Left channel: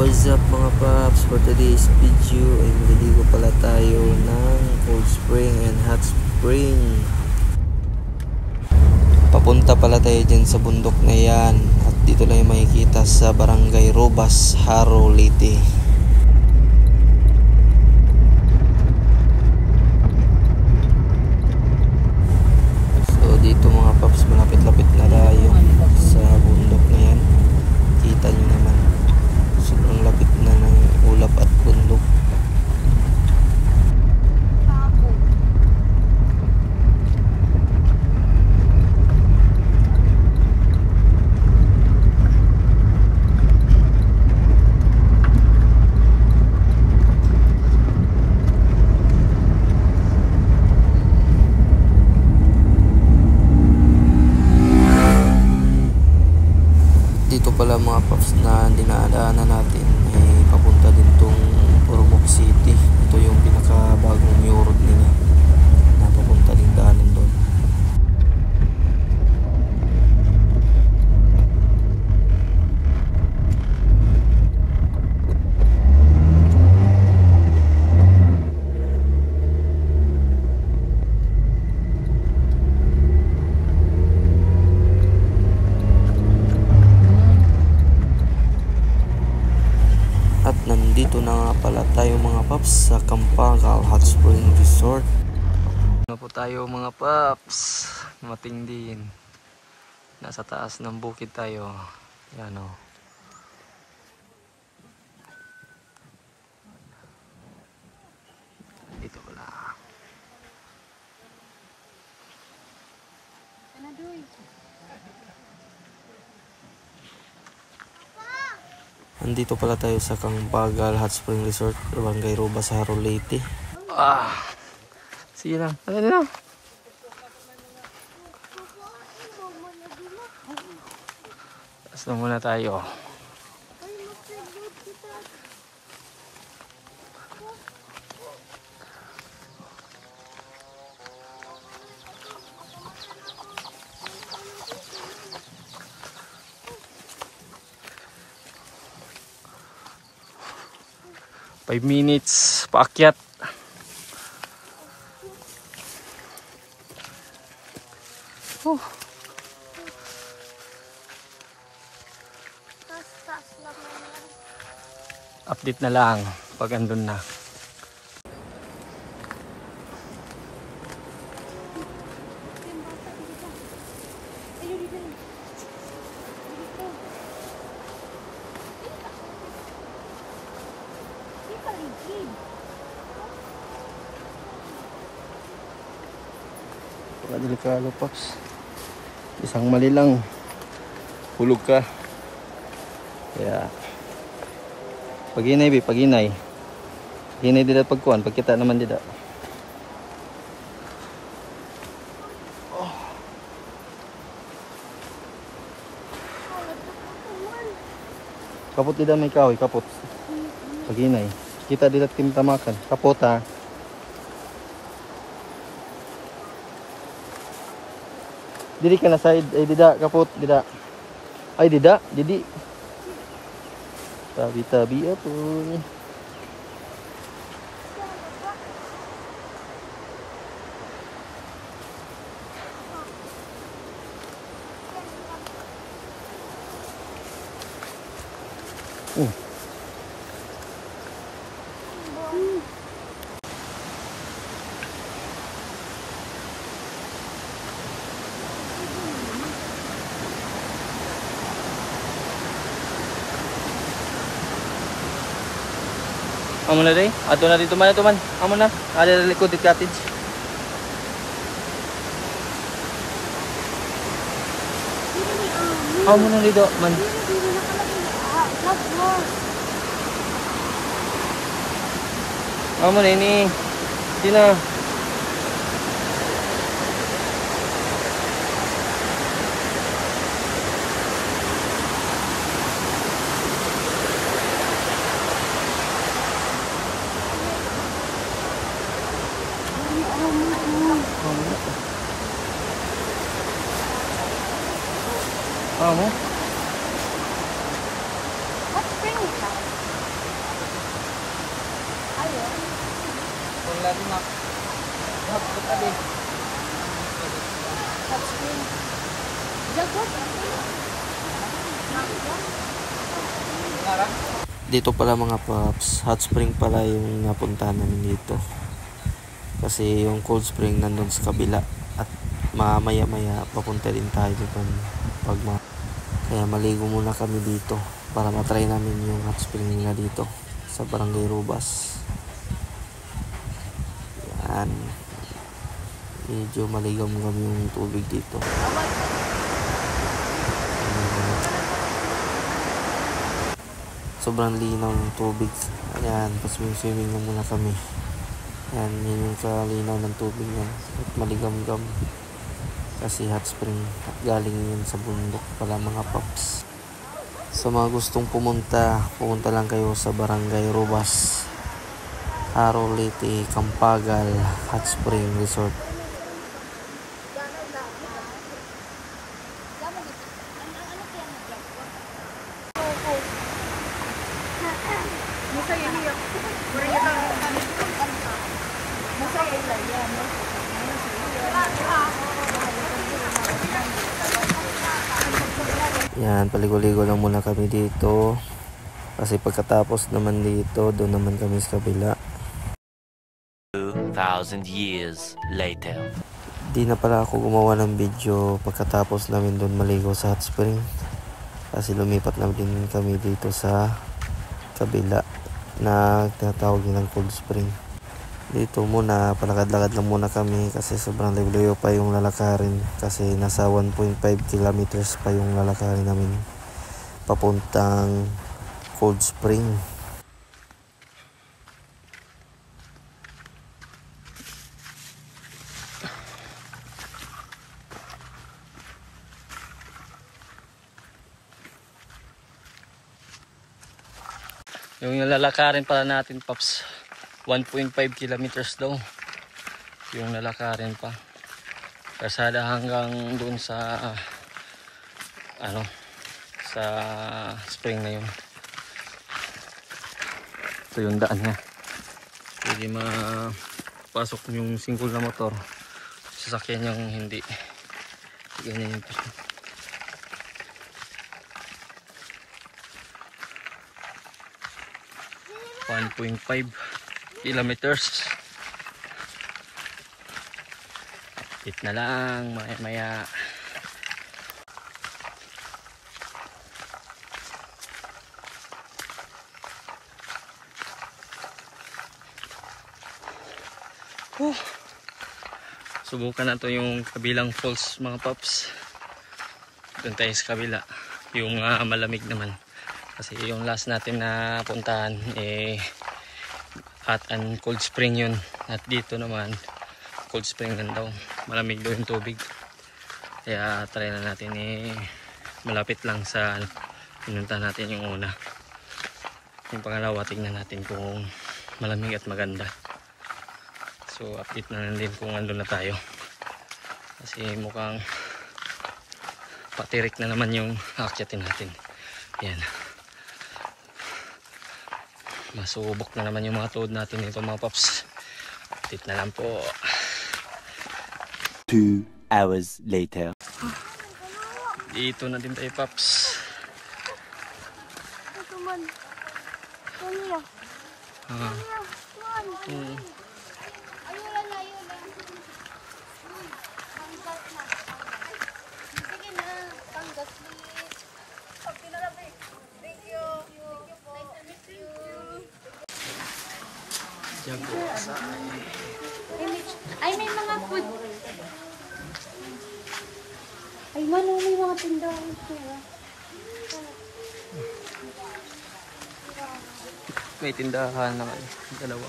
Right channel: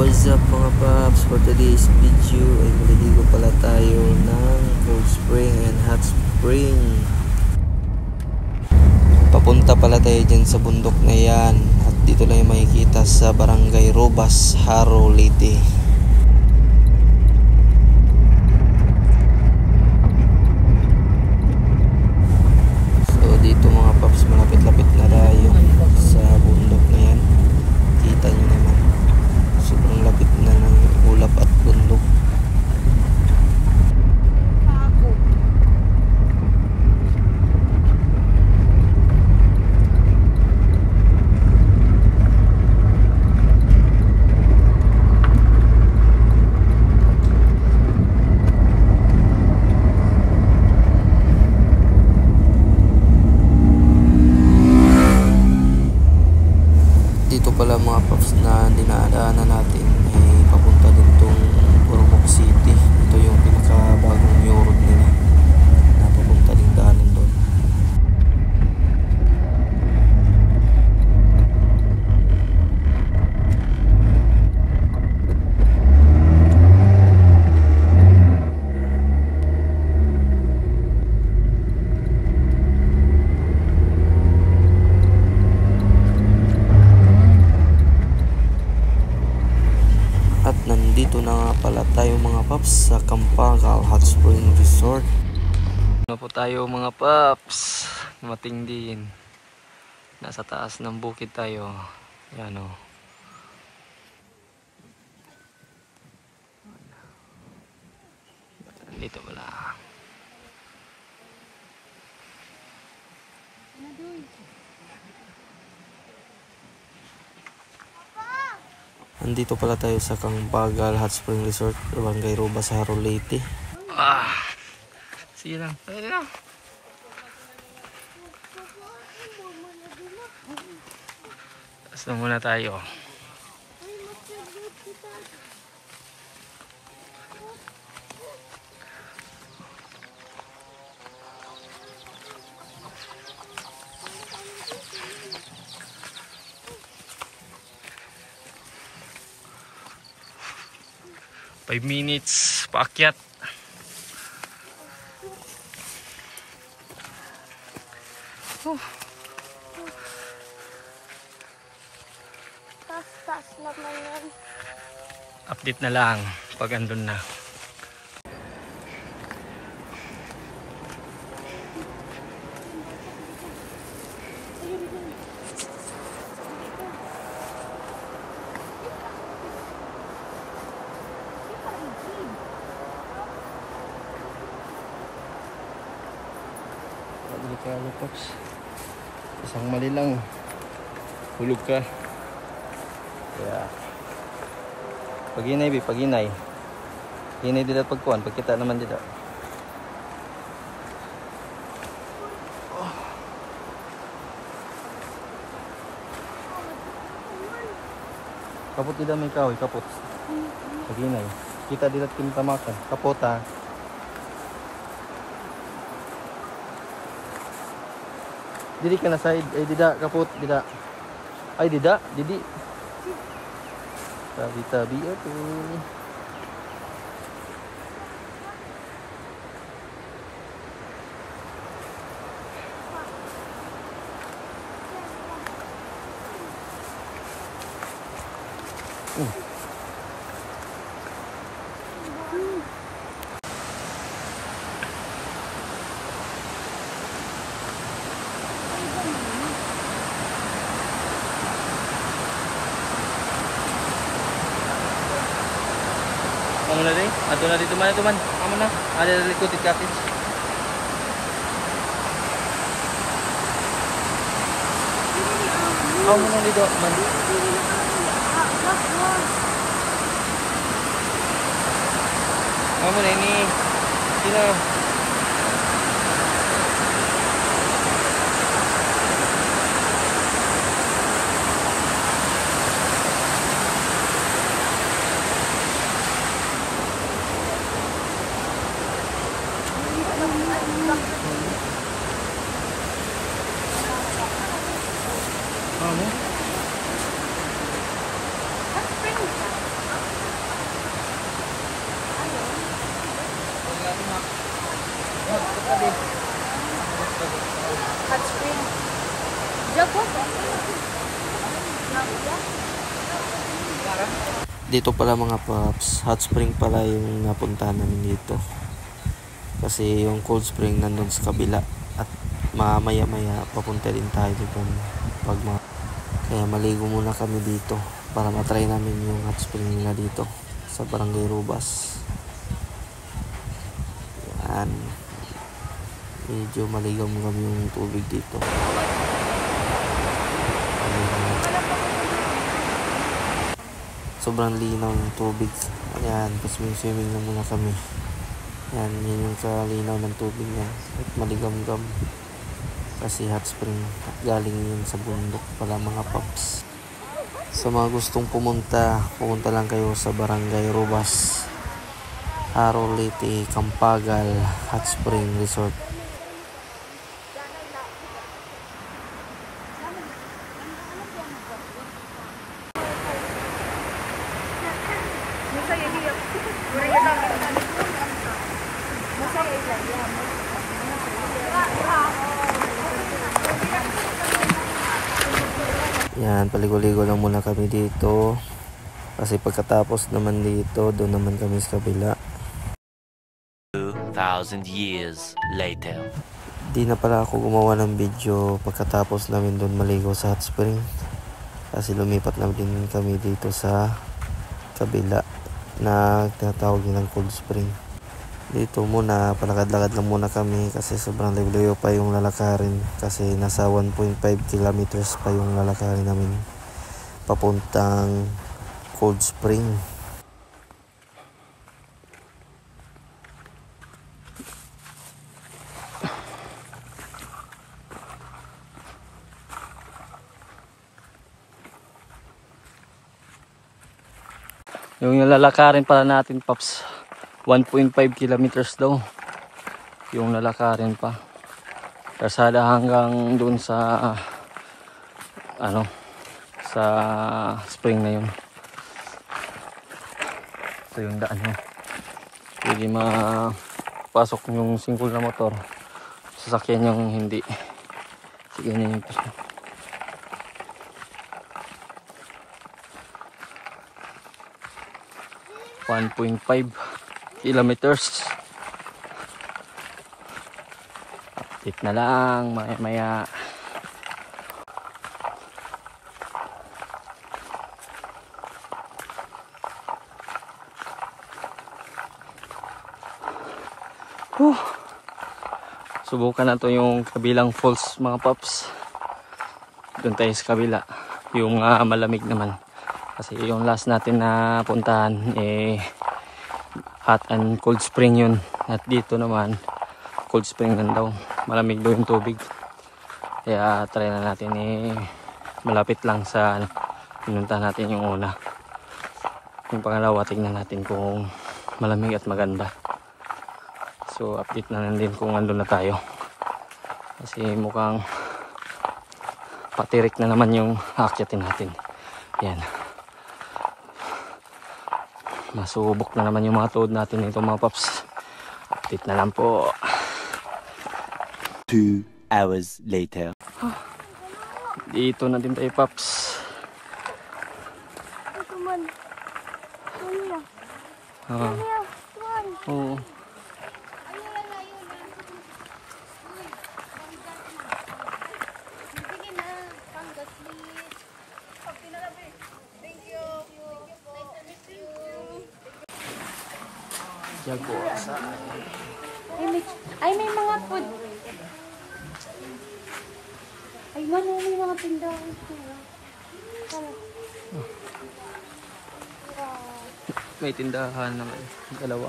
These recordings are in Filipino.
What's up mga paps? For today's video ay maliligo pala tayo ng cold spring and hot spring. Papunta pala tayo dyan sa bundok na yan. At dito lang yung makikita sa Barangay Robas, Haro, Leyte. So dito mga paps, malapit-lapit na tayo sa bundok na yan. Kita nyo naman, sobrang lapit na ng ulap at bundok. Dito pala mga paps na dinadaanan natin ay papunta din tong Ormoc City. Ito yung pinakabagong new road nila na papunta din daanan doon. At nandito na nga pala tayo mga paps sa Campagal Hot Spring Resort. Ano po tayo mga paps? Mating din. Nasa taas ng bukid tayo. Yan o. Dito pala. Andito pala tayo sa Campagal Hot Spring Resort, Barangay Robas, Haro, Leyte. Sige lang. Ano na? Taas na muna tayo. Five minutes paakyat. Update na lang pag andun na. Delikado pops. Isang mali lang hulog ka. Kaya paginay be, paginay. Paginay dito pagkuhan, pagkita naman dito. Kapot dito may kahoy, kapot. Paginay. Kita dito timtamakan. Kapot ha. Didi ka na side, ay dida, kapot, dida. Ay dida, didi. Tabi-tabi ako. Amo na rin. Ato na dito man ito man. Amo na. Ada na likod ng cottage. Amo na dito man. Amo na ini. Di na. What spring is that? Dito pala mga paps, hot spring pala yung napuntahan namin dito. Kasi yung cold spring nandun sa kabila. At mamaya maya papunta din tayo dito kaya maligo muna kami dito para matry namin yung hot spring nila dito sa Barangay Rubas. Yan, medyo maligam-gam yung tubig dito. Sobrang linaw ng tubig. Ayan, paswimming na muna kami. Yan, yun yung kalinaw ng tubig niya. At maligam-gam. Kasi hot spring. At galing yun sa bundok pala mga paps. Sa mga gustong pumunta lang kayo sa Barangay Rubas, Haro, Leyte, Campagal Hot Spring Resort. Yan, paligo-ligo lang muna kami dito. Kasi pagkatapos naman dito, doon naman kami sa kabila. 2,000 years later. Di na pala ako gumawa ng video pagkatapos namin doon maligo sa hot spring. Kasi lumipat na din kami dito sa kabila na tinatawag ng cold spring. Dito muna, palakad-lakad lang muna kami kasi sobrang layo pa yung lalakarin. Kasi nasa 1.5 kilometers pa yung lalakarin namin papuntang cold spring. Yung lalakarin pala natin paps, 1.5 kilometers daw yung lalakarin pa, kasada hanggang dun sa sa spring na yun. So yung daan niya, pwede mapasok yung single na motor, sasakyan yung hindi. Ganyan yung 1.5 kilometers. Hit na lang maya. Subukan na to yung kabilang falls mga paps. Doon tayo sa kabila, yung malamig naman. Kasi yung last natin na puntahan hot and cold spring yun. At dito naman cold spring lang daw. Malamig daw yung tubig. Kaya try na natin malapit lang sa pinuntahan natin yung una. Yung pangalawa tingnan natin kung malamig at maganda. So update na lang din kung andun na tayo. Kasi mukhang patirik na naman yung aakyatin natin. Yan. Masubok na naman yung mga tuhod natin nito mga paps. Update na lang po. 2 hours later. Dito na din tayo paps. Oo. Ay, may mga food. Ay, manong may mga tindahan ito. May tindahan naman. Dalawa.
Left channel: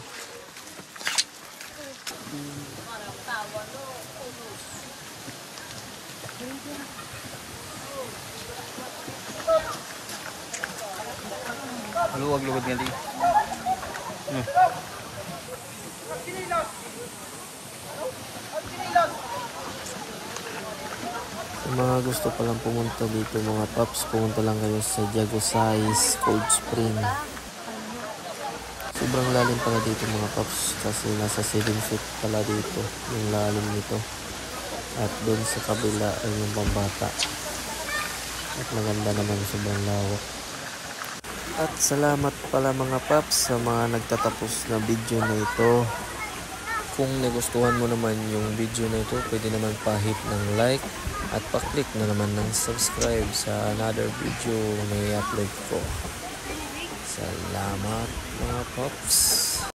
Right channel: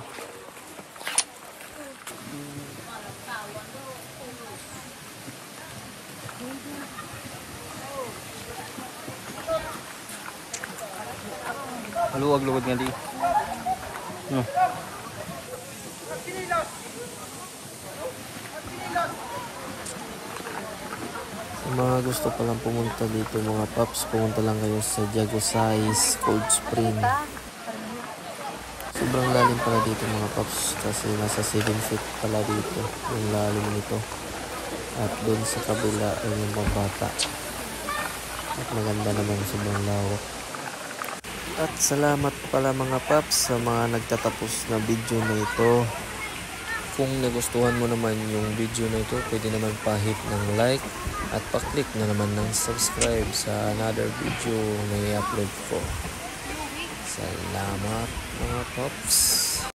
Maluwag-luwag nga di. Sa mga gusto palang pumunta dito mga paps, pumunta lang kayo sa Jagosais Cold Spring. Sobrang lalim pala dito mga paps kasi nasa 7 feet pala dito yung lalim nito. At doon sa kabila ay yung pambata. At maganda naman, sobrang lawak. At salamat pala mga paps sa mga nagtatapos na video na ito. Kung nagustuhan mo naman yung video na ito, pwede naman pa-hit ng like at pa-click na naman ng subscribe sa another video na i-upload ko. Salamat mga paps.